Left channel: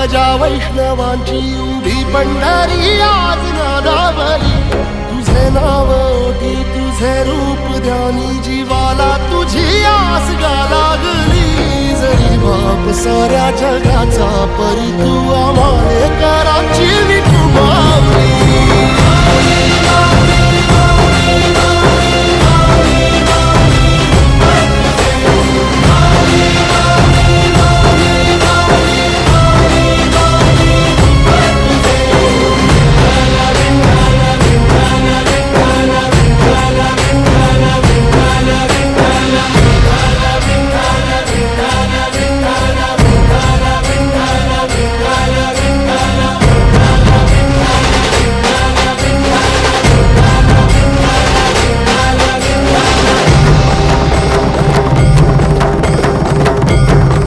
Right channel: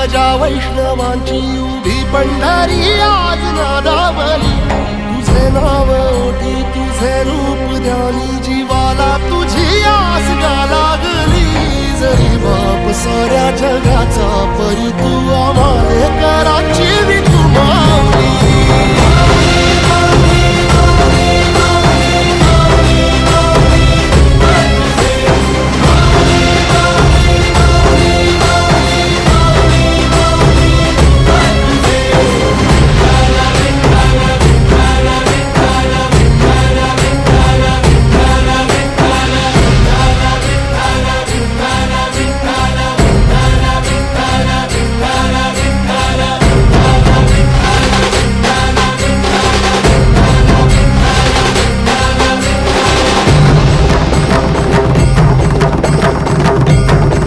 ध्वजा वैष्णवांची उभी पंढरी आज नादावली तुझे नाव ओठी तुझे रूप ध्यानी जीवाला तुझी आस गा लागली जरी बाप साऱ्या जगाचा परी तू आम्हाले कराची विठू माऊली